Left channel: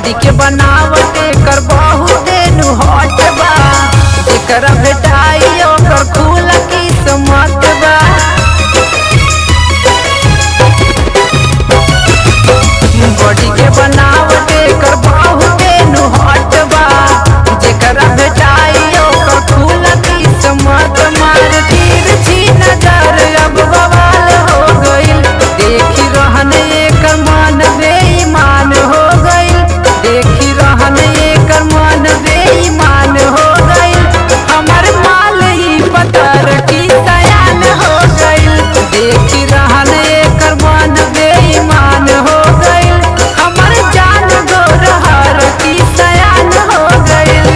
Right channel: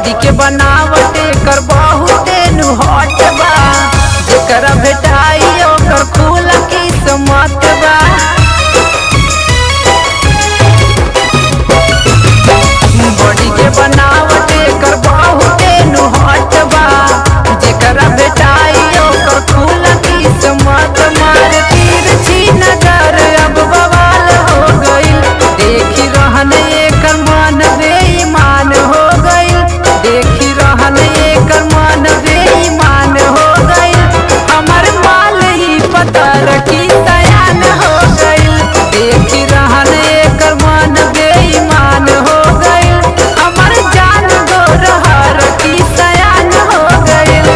Body के बनावट कर बहुते नु हॉट बा, जेकर भेटाई ओकर खुला किस्मत बा। बॉडी के बनावट कर बहुते नु हॉट बा, जेकर भेटाई ओकर खुला किस्मत। मार तिरछी नजर अब बवाल हो गइल, देखी रहन एकर मन बेईमान हो गइल, देखी रहन एकर मन बेईमान हो गइल। हमर माल ही पतर की सयान हो गइल, देखी रहन एकर मन बेईमान हो गइल। हमर जान गोरहर की सयान हो गइल।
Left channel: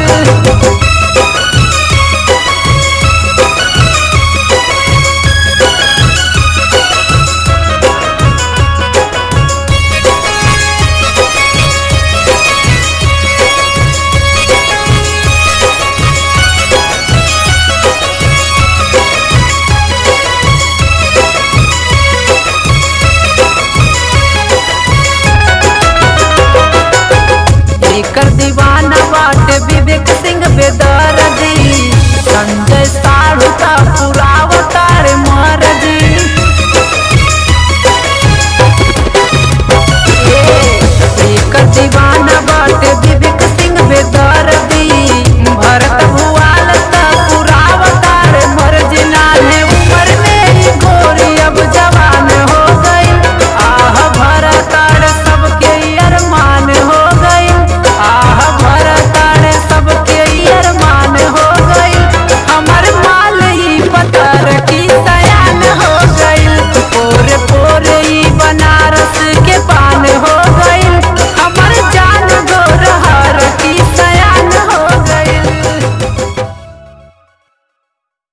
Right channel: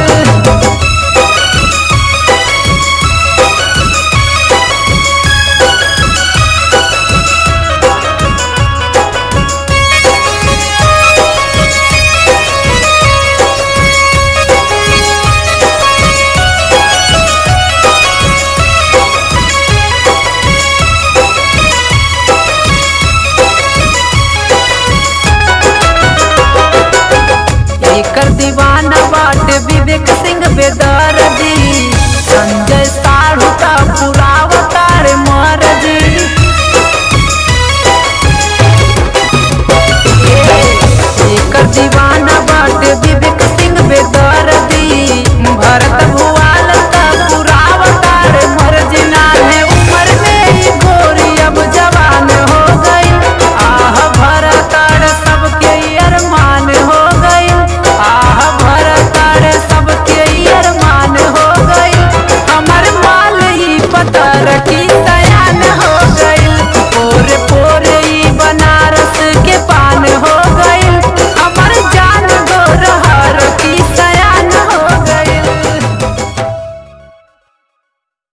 एकर दीवाना बाटे विवेक सिंह बेदर्दी, संजय साढ़ू का पुरावतार मर्जी। एकर दीवाना बाटे विवेक सिंह बेदर्दी, भरत भू